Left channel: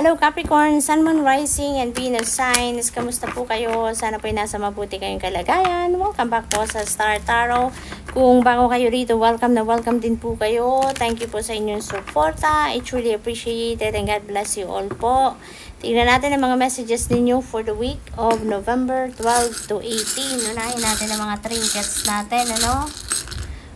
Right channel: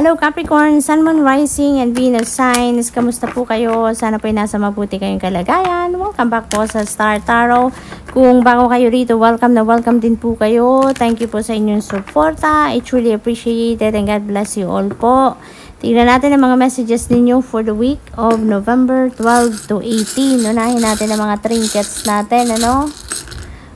Hello Capricorn, Sun, Moon, Rising, and Venus signs. Kamusta po kayo? Sana po ay nasa mabuti kayong kalagayan. Welcome back po sa Star Tarot. Kung bago kayo rito, welcome na welcome din po kayo. Thank you po sa inyong suporta. I truly appreciate it and God bless you all po. Tingnan natin ang mga messages ninyo for the week of November 12 to 18. Unahin natin ang mga trinkets natin, ano?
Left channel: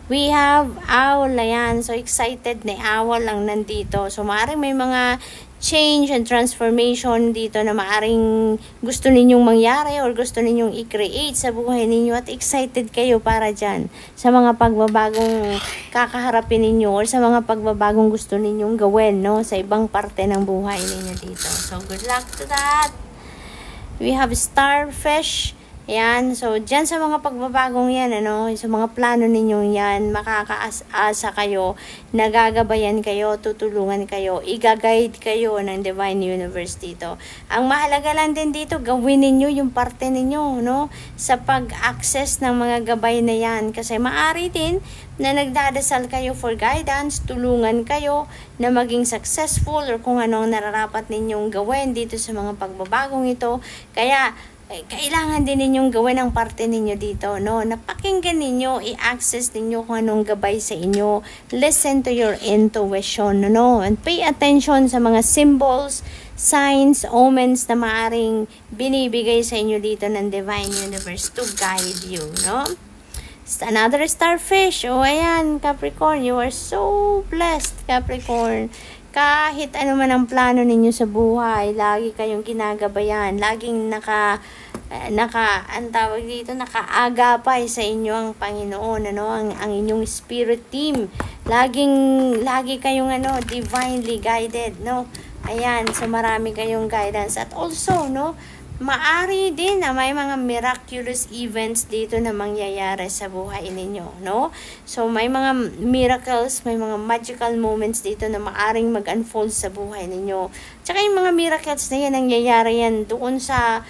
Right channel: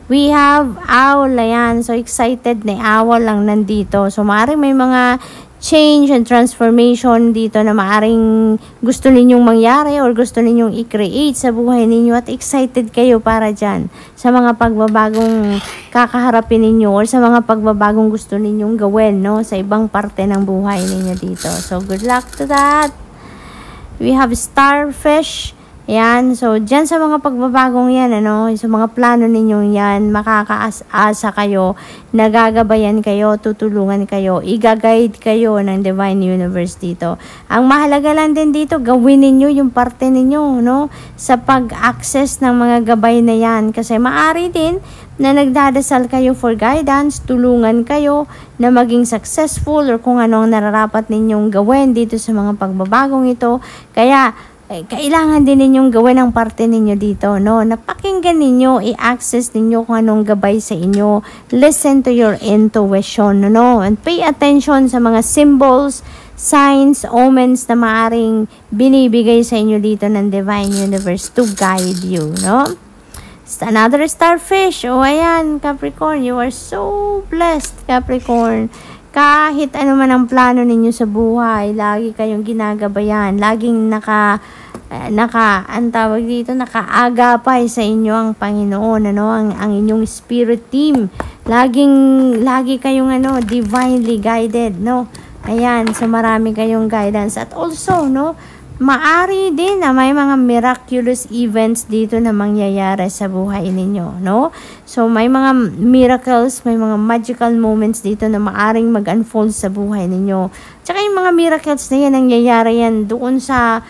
We have owl, ayan. So excited na owl lang nandito. So maaaring may mga change and transformation dito na maaring gusto ninyong mangyari or gusto ninyong i-create sa buhay ninyo at excited kayo para dyan sa mga pagbabagong kakaharapin ninyo or sa mga pagbabagong gusto ninyong gawin, no, sa ibang parte ng buhay ninyo dito. So good luck to that. We have starfish. Yan, so dyan sa mga pagbabagong yan, ano, sa mga plano ninyo yan, makakaasa kayo, nagagabayan kayo, tutulungan kayo, i-guide kayo ng Divine Universe dito. Ang mahalaga lang din dito, gawin ninyo yung parte ninyo, no, sa pag-access ng mga gabay na yan. Kasi maaari din na nagdadasal kayo for guidance, tulungan kayo na maging successful or kung anong nararapat ninyong gawin dito sa mga pagbabagong ito. Kaya, kailangan din ninyong gawin ang parte ninyo dito, no? Napakinggan ninyo, i-access ninyo kung anong gabay sa inyo. Listen to your intuition, no? And pay attention sa mga symbols, signs, omens na maaring binibigay sa inyo dito ng Divine Universe to guide you, no? Another starfish. O, ayan, Capricorn, you are so blessed, Capricorn. Kahit ano man ang plano ninyo sa buhay, lagi kayong ginagabayan, laging nakaagapay sa inyo ang Panginoon, ano, ang inyong spirit team. Lagi kayong divinely guided, no? Ayan, so marami kayong guidance at also, no, maari din na may mga miraculous events dito na mangyayari sa buhay ninyo, no? So, may mga miracles, may mga magical moments dito na maaring mag-unfold sa buhay ninyo. Tsaka yung mga miracles na yan, nangyayari yan doon sa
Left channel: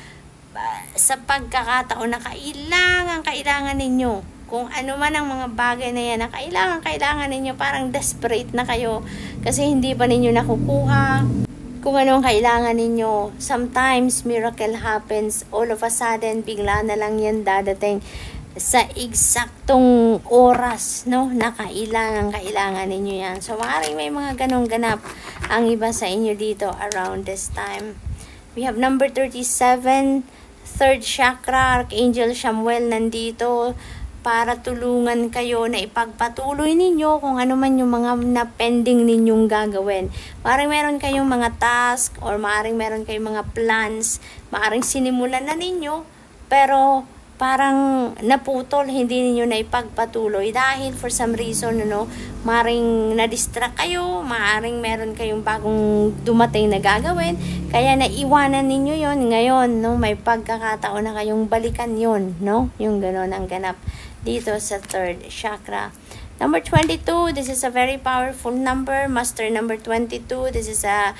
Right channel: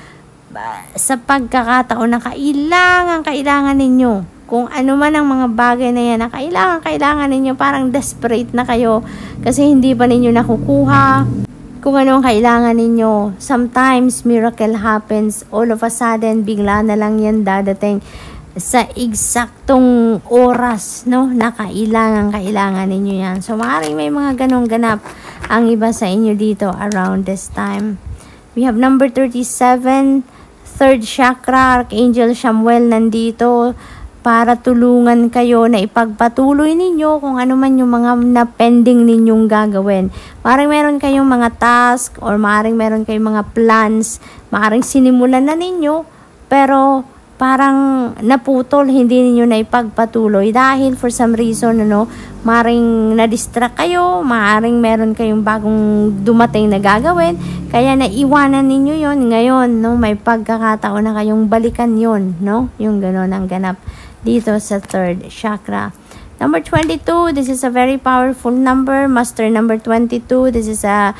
pagkakataon na kailangan ninyo. Kung ano man ang mga bagay na yan na kailangan ninyo, parang desperate na kayo kasi hindi pa ninyo nakukuha kung anong kailangan ninyo. Sometimes, miracle happens. All of a sudden, bigla na lang yan dadating sa eksaktong oras, no, na kailangan ninyo yan. So, maaaring may mga ganong ganap ang iba sa inyo dito around this time. We have number 37, third chakra, Archangel Samuel nandito para tulungan kayo na ipagpatuloy ninyo kung ano man yung mga na-pending ninyong gagawin. Maaaring meron kayong mga task or maaaring meron kayong mga plans, maaaring sinimulan na ninyo, pero parang naputol, hindi ninyo na ipagpatuloy dahil for some reason, maaaring na-distract kayo, maaaring meron kayong bagong dumating na gagawin, kaya naiwanan ninyo yon. Ngayon, no, may pagkakataon na kayong balikan yon, no? Yung gano'n ang ganap dito sa third chakra. Number 22, this is a very powerful number. Master number 22, this is a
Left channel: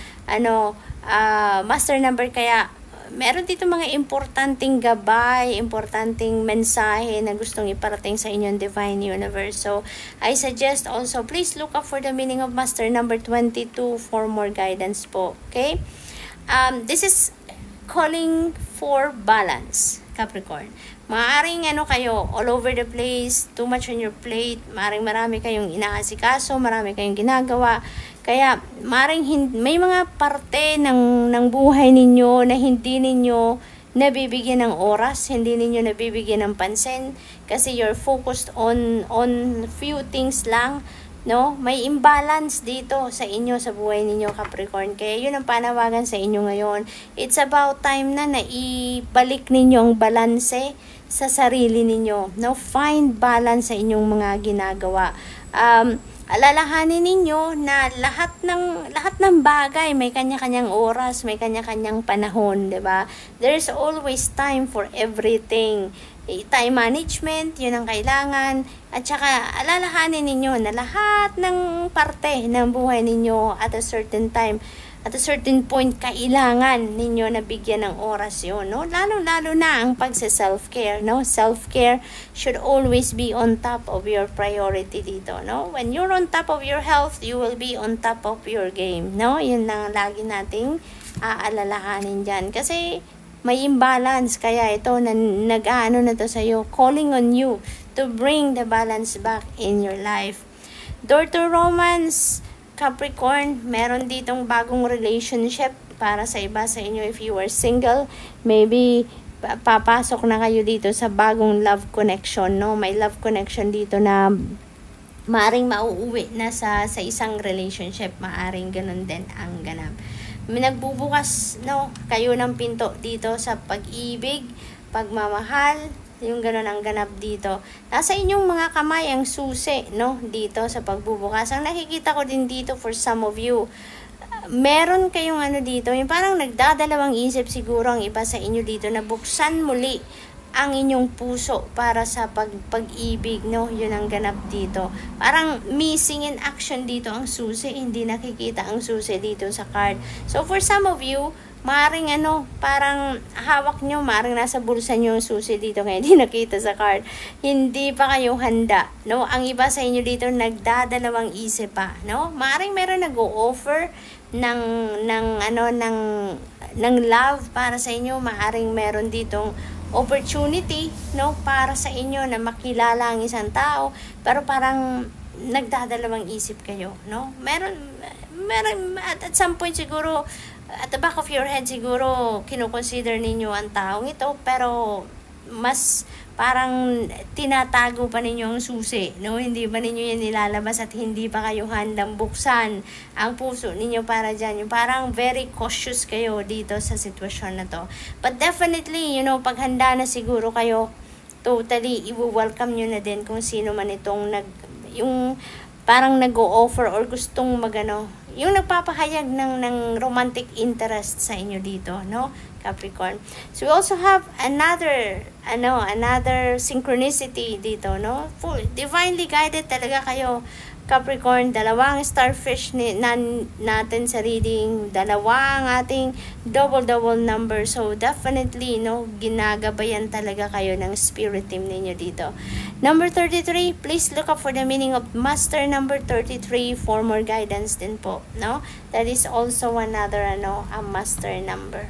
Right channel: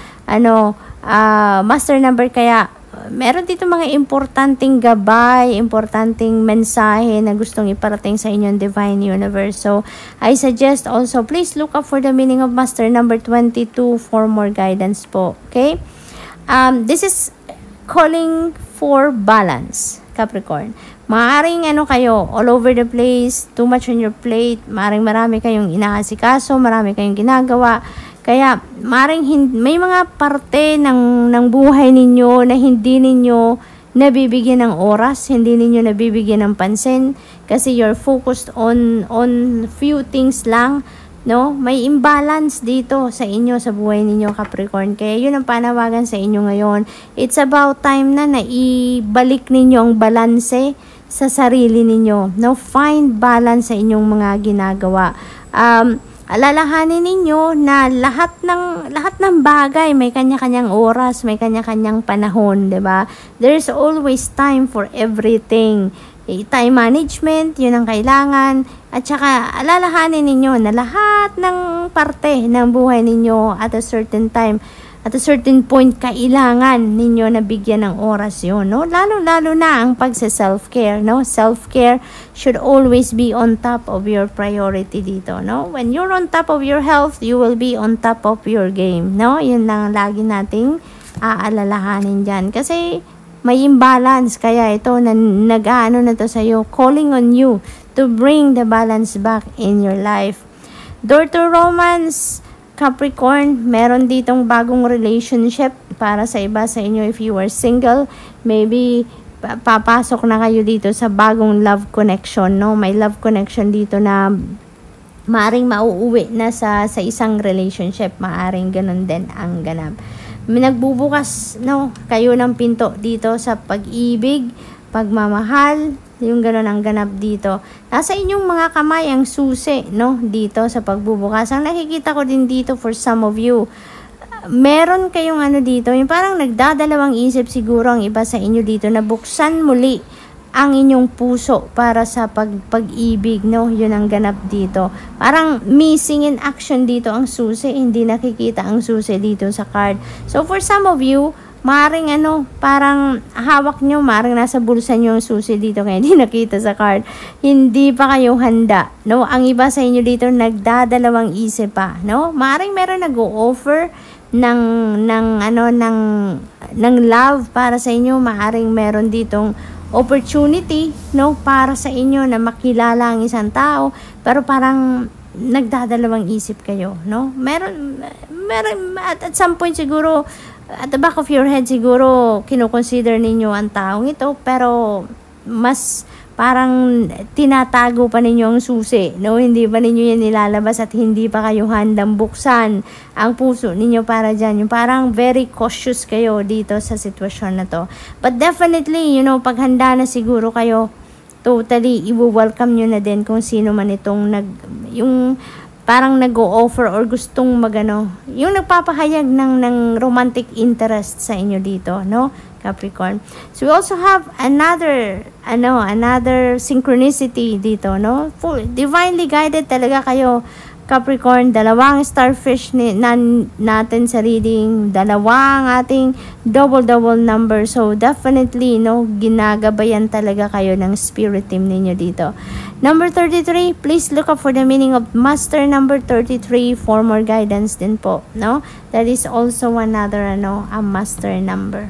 master number, kaya meron dito mga importanteng gabay, importanteng mensahe na gustong iparating sa inyong Divine Universe. So, I suggest also, please look up for the meaning of Master number 22 for more guidance po. Okay? This is calling for balance, Capricorn. Maaring kayo, all over the place, too much on your plate, maaring marami kayong inaasikaso, marami kayong ginagawa. Kaya, maring may mga parte ng buhay ninyo na hindi ninyo nabibigyan ng oras, hindi ninyo nabibigyan ng pansin, kasi you're focused on few things lang, no? May imbalance dito sa inyo, sa buhay ninyo, Capricorn. Kaya yun ang panawagan sa inyo ngayon. It's about time na ibalik ninyo ang balanse sa sarili ninyo, no? Find balance sa inyong mga ginagawa. Alalahanin ninyo na lahat ng bagay may kanya-kanyang oras, may kanya-kanyang panahon, 'di ba? There's always time for everything. Time management, 'yun ang kailangan. At saka alalahanin ninyo na lahat ng parte ng buhay ninyo at a certain time, at a certain point, kailangan ninyo na bigyan ng oras yun, no? Lalo na ang pagsa-self-care, no? Self-care should always be on top of your priority dito, no? When you're on top of your health, you will be on top of your game, no? Yun lang lagi nating aalalahanin dyan. Kasi may imbalance, kaya ito nag-aano na to sa'yo, calling on you to bring the balance back in your life. Door to romance, Capricorn, meron ditong bagong relationship para sa iba sa inyo. If you are single, maybe papasok na kayo dito sa bagong love connection, no? May love connection dito na maaring mauuwi na sa isang relationship, maaring ganun din ang ganap. Nagbubukas, no, kayo ng pinto dito sa pag-ibig, pagmamahal, yung ganun ang ganap dito. Nasa inyong mga kamay ang susi, no, dito sa pagbubukas. Ang nakikita ko din dito for some of you, meron kayong ano dito, yung parang nagdadalawang isip siguro ang iba sa inyo dito na buksan muli ang inyong puso para sa pag-ibig, no? Yun ang ganap dito. Parang missing in action dito ang susi, hindi nakikita ang susi dito sa card. So for some of you, maring ano, parang hawak nyo, maring nasa bulsa nyo ang susi dito kaya hindi nakita sa card. Hindi pa kayo handa, no? Ang iba sa inyo dito nagdadalawang isip pa, no? Maring meron nag-o-offer ng love para sa inyo, maaring meron ditong opportunity, no, para sa inyo na makilala ang isang tao, pero parang nagdadalawang isip kayo, no? Meron at some point siguro at the back of your head siguro kino-consider ninyo ang taong ito, pero mas parang tinatago pa ninyo ang susi, no? Hindi pa ninyo yan nilalabas at hindi pa kayo handang buksan ang puso ninyo para dyan. Yung parang very cautious kayo dito sa sitwasyon na to. But definitely, you know, pag handa na siguro kayo, totally, i-welcome nyo na din kung sino man itong yung parang nag-o-offer or gustong magano, yung nagpapahayag ng romantic interest sa inyo dito, no, Capricorn. So we also have another synchronicity dito, no? Full divinely guided talaga kayo, Capricorn. Dalawang starfish natin sa reading, dalawang ating double number. So definitely, no, ginagabayan talaga kayo ng spirit team ninyo dito. Number 33, please look up for the meaning of master number 33 for more guidance din po, no? That is also another a master number.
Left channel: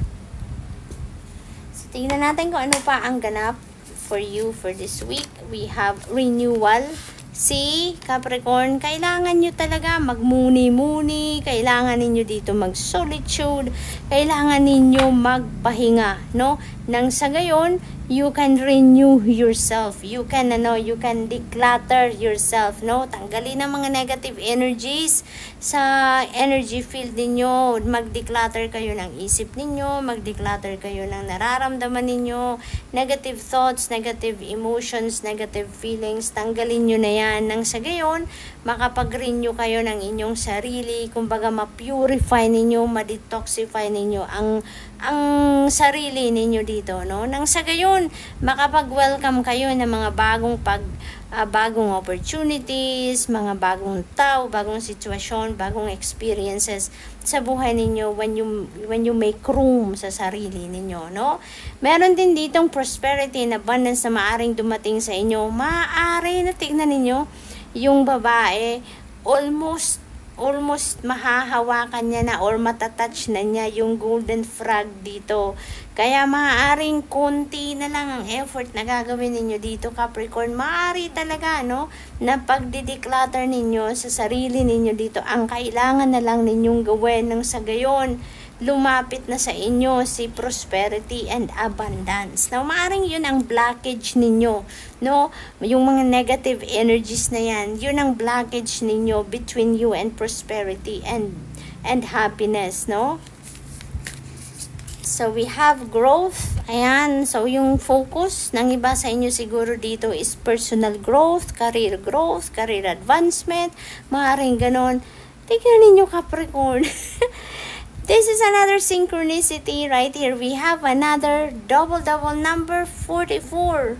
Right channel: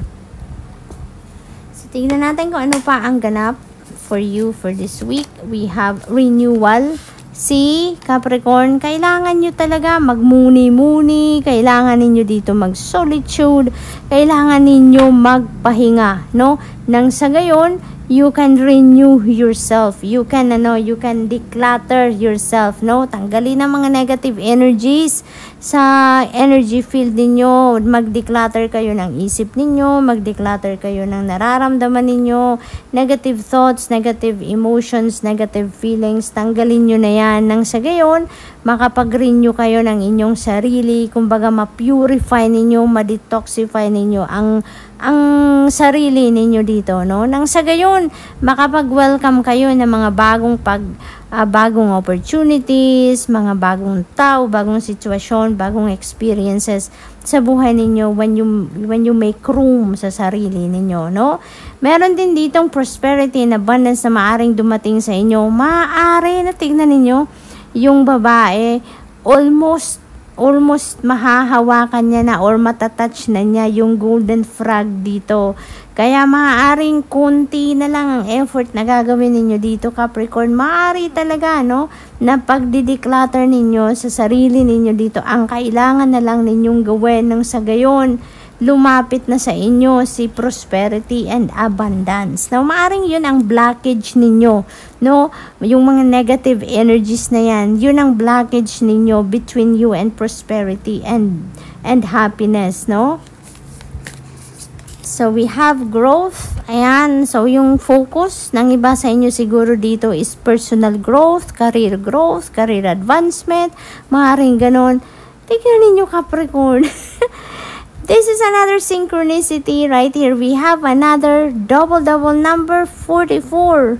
So tingnan natin kung ano pa ang ganap for you for this week. We have renewal. Si Capricorn, kailangan nyo talaga magmuni-muni, kailangan ninyo dito mag-solitude, kailangan ninyo magpahinga, no? Nang sa gayon, you can renew yourself. You can declutter yourself, no? Tanggalin ang mga negative energies sa energy field ninyo. Mag-declutter kayo ng isip ninyo, mag-declutter kayo ng nararamdaman ninyo, negative thoughts, negative emotions, negative feelings. Tanggalin nyo na yan. Nang sa gayon, makapag-renew kayo ng inyong sarili, kumbaga ma-purify ninyo, ma-detoxify ninyo ang sarili ninyo dito, no? Nang sa gayon, makapag-welcome kayo ng mga bagong opportunities, mga bagong tao, bagong sitwasyon, bagong experiences sa buhay ninyo when you make room sa sarili ninyo, no? Meron din ditong prosperity and abundance na maaring dumating sa inyo. Maaari na tignan ninyo yung babae, almost mahahawakan niya na or matatouch na niya yung golden frog dito. Kaya maaaring kunti na lang ang effort na gagawin ninyo dito, Capricorn. Maaari talaga, no, na pagdideclutter ninyo sa sarili ninyo dito. Ang kailangan na lang ninyong gawin ng sa gayon, lumapit na sa inyo si prosperity and abundance. Now, maaring yun ang blockage ninyo, no? Yung mga negative energies na yan, yun ang blockage ninyo between you and prosperity and happiness, no? So, we have growth. Ayan. So, yung focus ng iba sa inyo siguro dito is personal growth, career advancement. Maaring ganun. Tignan ninyo, Capricorn. This is another synchronicity right here. We have another double number 44.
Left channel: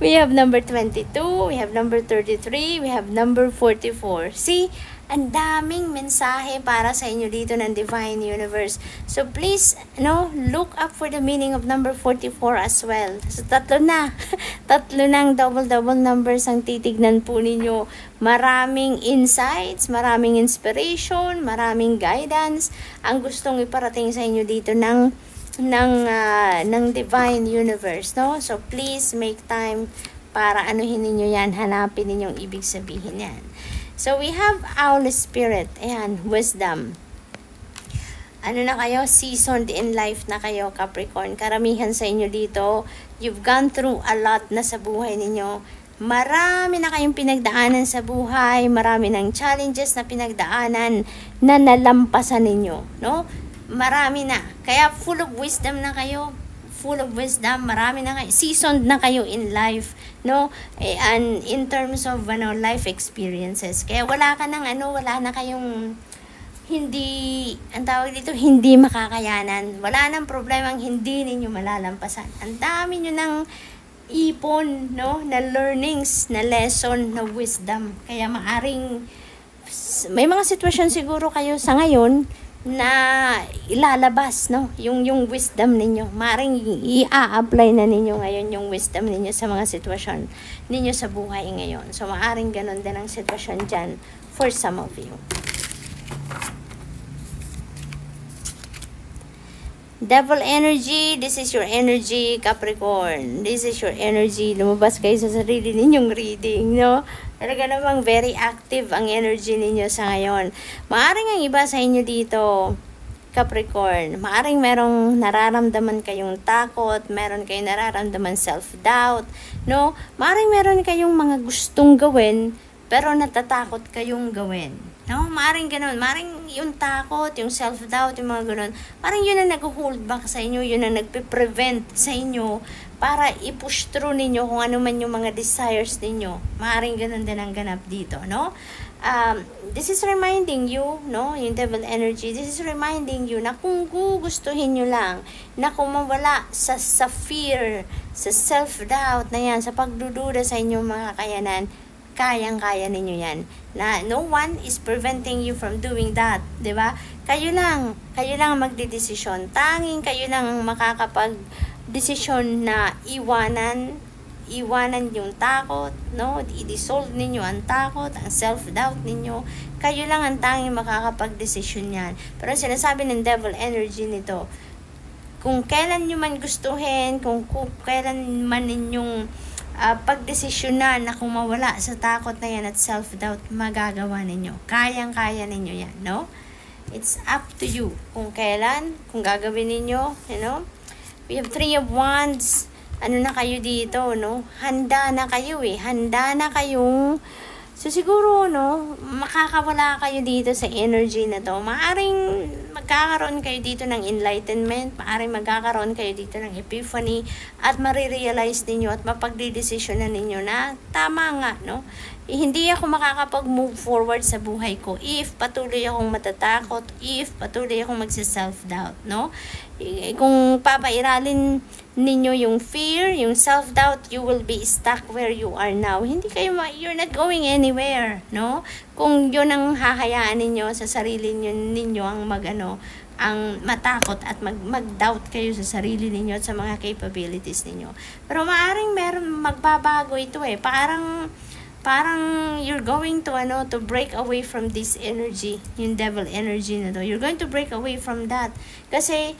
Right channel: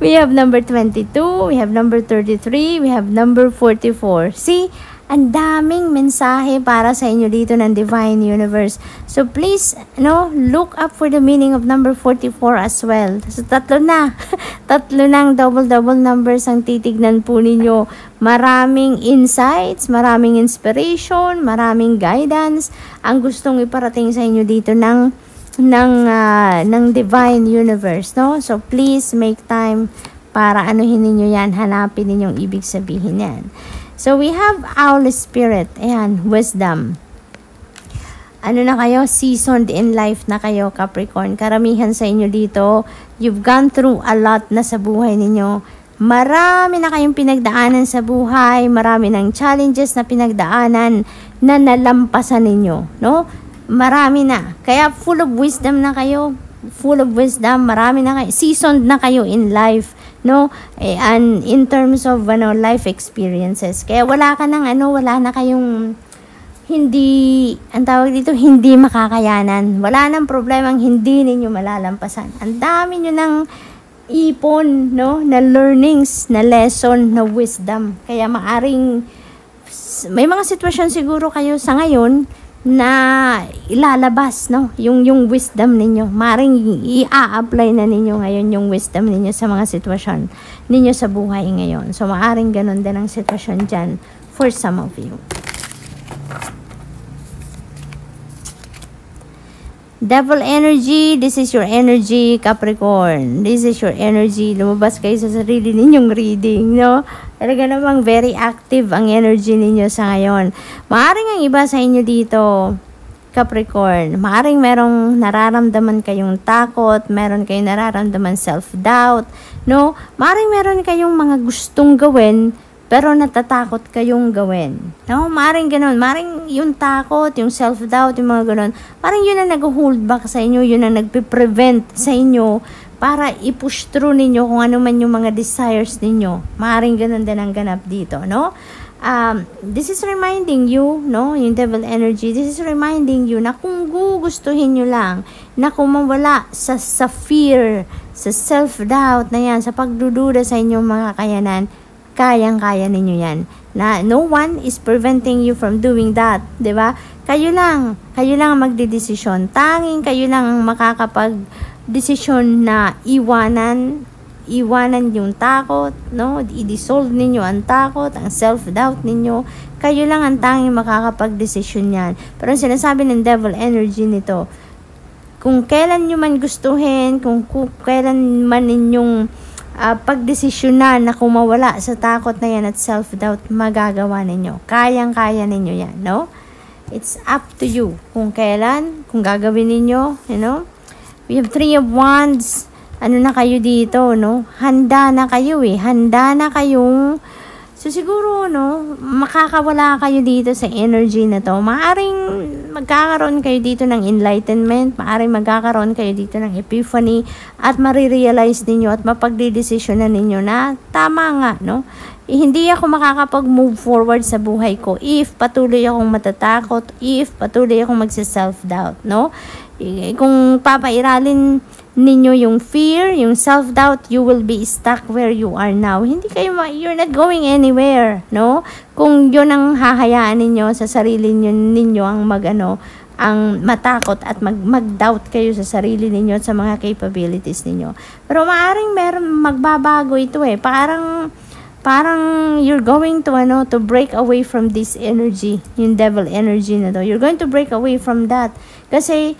We have number 22, we have number 33, we have number 44. See, Ang daming mensahe para sa inyo dito ng Divine Universe. So please, look up for the meaning of number 44 as well. So tatlo na. Tatlo ng double numbers ang titignan po ninyo. Maraming insights, maraming inspiration, maraming guidance ang gustong iparating sa inyo dito ng Divine Universe, no? So please make time para anuhin ninyo yan, hanapin ninyong ibig sabihin yan. So we have Owl Spirit, ayan, wisdom. Ano na kayo? Seasoned in life na kayo, Capricorn. Karamihan sa inyo dito, you've gone through a lot na sa buhay ninyo. Marami na kayong pinagdaanan sa buhay, marami ng challenges na pinagdaanan na nalampasan ninyo, no? Marami na. Kaya full of wisdom na kayo. Full of wisdom, marami na kayo. Seasoned na kayo in life, no? And in terms of life experiences. Kaya wala na kayong hindi, ang tawag dito, hindi makakayanan. Wala nang problemang hindi ninyo malalampasan. Ang dami nyo ng ipon, no? Na learnings, na lesson, na wisdom. Kaya maaring may mga sitwasyon siguro kayo sa ngayon na ilalabas, no, yung wisdom ninyo. Maring i-apply na ninyo ngayon yung wisdom ninyo sa mga sitwasyon ninyo sa buhay ngayon. So maaring ganun din ang sitwasyon dyan for some of you. Devil energy, this is your energy, Capricorn. This is your energy. Lumabas kayo sa sarili ninyong reading, no? Talaga namang very active ang energy ninyo sa ngayon. Maaring ang iba sa inyo dito, Capricorn, maaring merong nararamdaman kayong takot, meron kayong nararamdaman self-doubt, no? Maaring meron kayong mga gustong gawin, pero natatakot kayong gawin. No? Maring ganun. Maring yung takot, yung self-doubt, yung mga ganun. Parang yun ang nag-hold back sa inyo, yun ang nagpe-prevent sa inyo para i-push through ninyo kung ano man yung mga desires ninyo. Maring ganun din ang ganap dito, no? This is reminding you, no? Yung devil energy, this is reminding you na kung gugustuhin nyo lang, na kung mawala sa fear, sa self-doubt na yan, sa pagdududa sa inyong mga kayanan, kayang-kaya ninyo yan. Na no one is preventing you from doing that, 'di ba? Kayo lang ang magdedesisyon. Tanging kayo lang ang makakapag-desisyon na iwanan yung takot, no? I-dissolve ninyo ang takot, ang self-doubt ninyo. Kayo lang ang tanging makakapag-desisyon yan. Pero sinasabi ng devil energy nito, kung kailan nyo man gustuhin, kung kailan man ninyong pagdesisyonan na kung mawala sa takot na yan at self-doubt, magagawa ninyo. Kayang-kaya ninyo yan, no? It's up to you. Kung kailan, kung gagawin ninyo, you know? We have 3 of Wands. Ano na kayo dito, no? Handa na kayo Handa na kayong so siguro, no, makakawala kayo dito sa energy na to. Maaring magkakaroon kayo dito ng enlightenment, maaring magkakaroon kayo dito ng epiphany, at marirealize ninyo at mapagdidesisyon na ninyo na tama nga, no? Hindi ako makakapag-move forward sa buhay ko if patuloy akong matatakot, if patuloy akong magsa-self-doubt, no? Kung papairalin ninyo yung fear, yung self-doubt, you will be stuck where you are now. You're not going anywhere, no? Kung yun ang hahayaan ninyo sa sarili ninyo ang ang matakot at mag-doubt kayo sa sarili ninyo at sa mga capabilities ninyo. Pero maaring magbabago ito parang you're going to break away from this energy, yung devil energy na to. You're going to break away from that. Kasi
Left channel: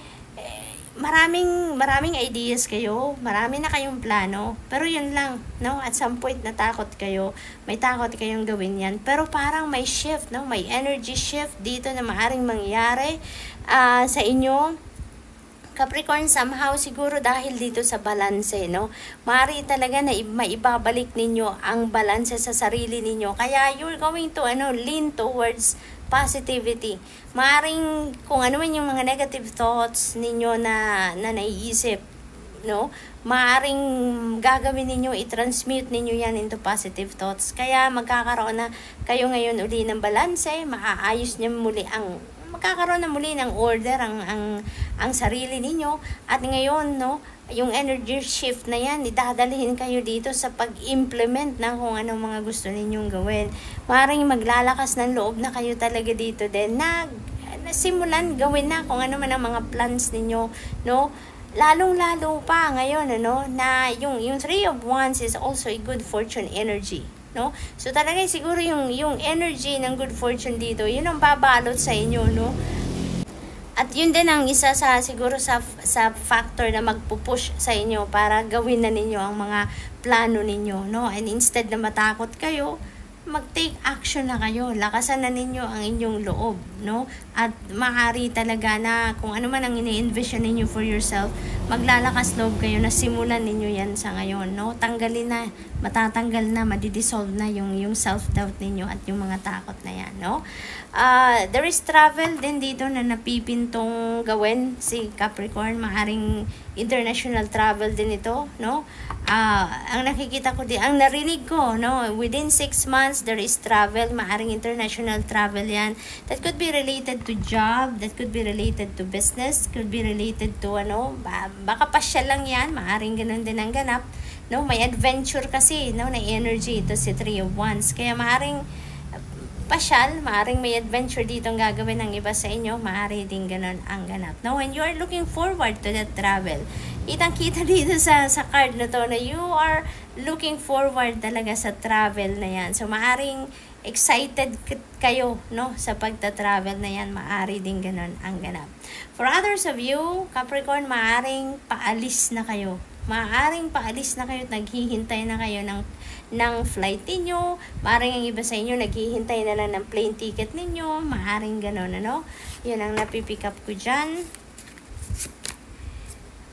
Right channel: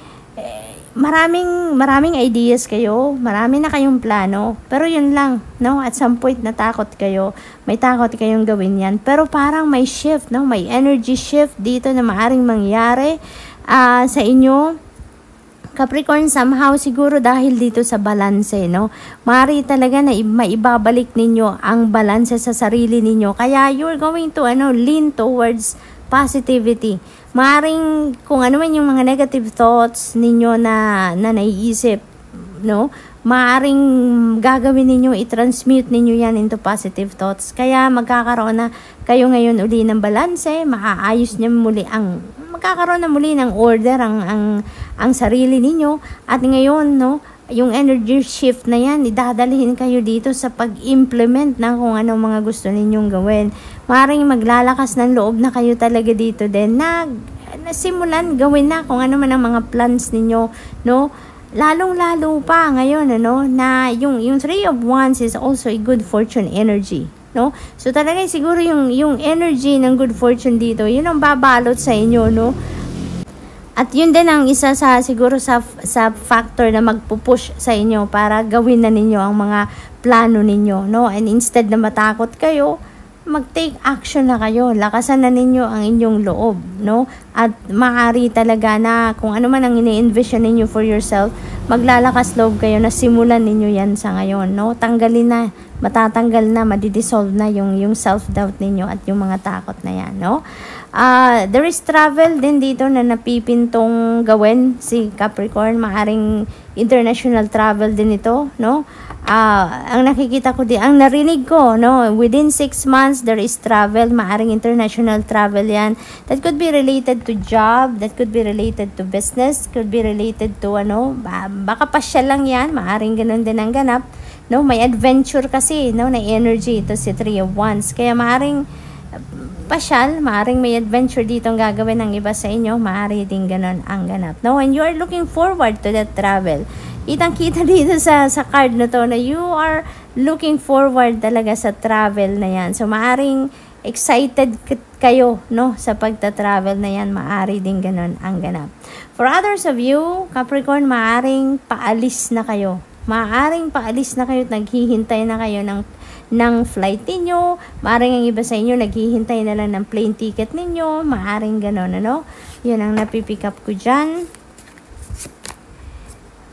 maraming ideas kayo, marami na kayong plano, pero yun lang, no? At some point natakot kayo, may takot kayong gawin yan. Pero parang may shift, no? May energy shift dito na maaring mangyari sa inyo, Capricorn, somehow siguro dahil dito sa balanse, no? Maaari talaga na maibabalik ninyo ang balanse sa sarili ninyo. Kaya you're going to lean towards positivity. Maaring kung ano man yung mga negative thoughts ninyo na naiisip, no? Maaring gagawin ninyo, i-transmute ninyo yan into positive thoughts. Kaya magkakaroon na kayo ngayon uli ng balanse, maaayos niyo muli magkakaroon na muli ng order ang sarili ninyo, at ngayon, no, yung energy shift na yan, idadalhin kayo dito sa pag-implement na kung anong mga gusto ninyong gawin. Maring maglalakas ng loob na kayo talaga dito din na nasimulan gawin na kung ano man ang mga plans ninyo, no? Lalong-lalo pa ngayon, ano, na yung Three of Wands is also a good fortune energy, no? So talaga siguro yung energy ng good fortune dito, yun ang babalot sa inyo, no? At yun din ang isa sa siguro sa factor na magpupush sa inyo para gawin na ninyo ang mga plano ninyo, no? And instead na matakot kayo, mag-take action na kayo. Lakasan na ninyo ang inyong loob, no? At maaari talaga na kung ano man ang ini-envision ninyo for yourself, maglalakas loob kayo na simulan ninyo yan sa ngayon, no? Tanggalin na, matatanggal na, madidissolve na yung self-doubt ninyo at yung mga takot na yan, no? There is travel din dito na napipintong gawin si Capricorn. Maaring international travel din ito, no? Ang nakikita ko din, ang narinig ko, no? Within 6 months, there is travel. Maaring international travel yan. That could be related to job, that could be related to business, could be related to, baka pasyal lang yan. Maaring ganun din ang ganap, no? May adventure kasi, no? Na energy ito si Three of Wands. Kaya maaring pasyal, maaring may adventure dito ang gagawin ng iba sa inyo, maaari din ganun ang ganap, no? And you are looking forward to that travel. Kitang-kita dito sa card na to na you are looking forward talaga sa travel na yan. So maaring excited kayo, no, sa pagta-travel na yan, maaari din ganun ang ganap. For others of you, Capricorn, maaring paalis na kayo. Maaring paalis na kayo, naghihintay na kayo ng flight ninyo. Maaring ang iba sa inyo naghihintay na lang ng plane ticket ninyo. Maaring ganon, ano? Yun ang napipick up ko dyan.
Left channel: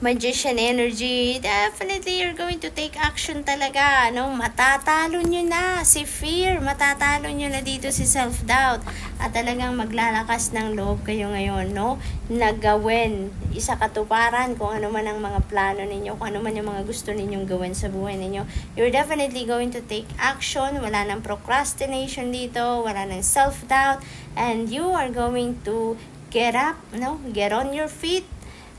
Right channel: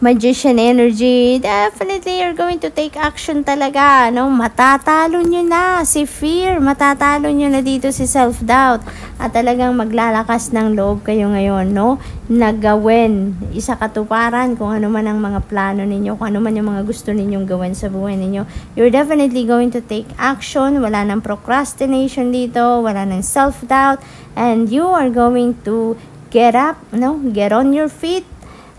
Magician energy, definitely you're going to take action talaga, no? Matatalo nyo na si fear, matatalo nyo na dito si self-doubt, at talagang maglalakas ng loob kayo ngayon, no? Nagawin, isa katuparan kung ano man ang mga plano ninyo, kung ano man yung mga gusto ninyong gawin sa buhay ninyo. You're definitely going to take action, wala nang procrastination dito, wala nang self-doubt, and you are going to get up, no? Get on your feet,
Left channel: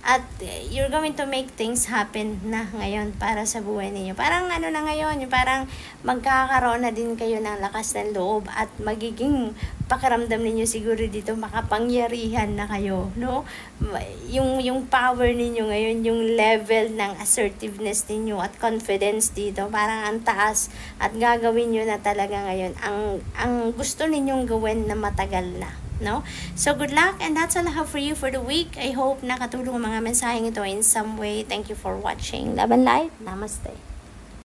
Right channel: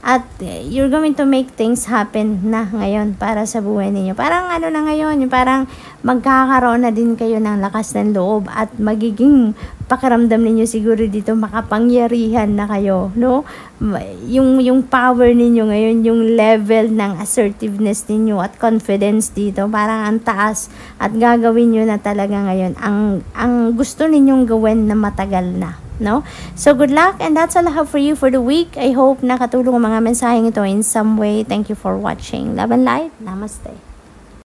at you're going to make things happen na ngayon para sa buhay ninyo. Parang ano na ngayon, yung parang magkakaroon na din kayo ng lakas ng loob at magiging pakiramdam ninyo siguro dito makapangyarihan na kayo, no? Yung power ninyo ngayon, yung level ng assertiveness ninyo at confidence dito, parang ang taas, at gagawin nyo na talaga ngayon ang gusto ninyong gawin na matagal na, no? So good luck, and that's all I have for you for the week. I hope nakatulong ang mga mensaheng ito in some way. Thank you for watching. Love and light. Namaste.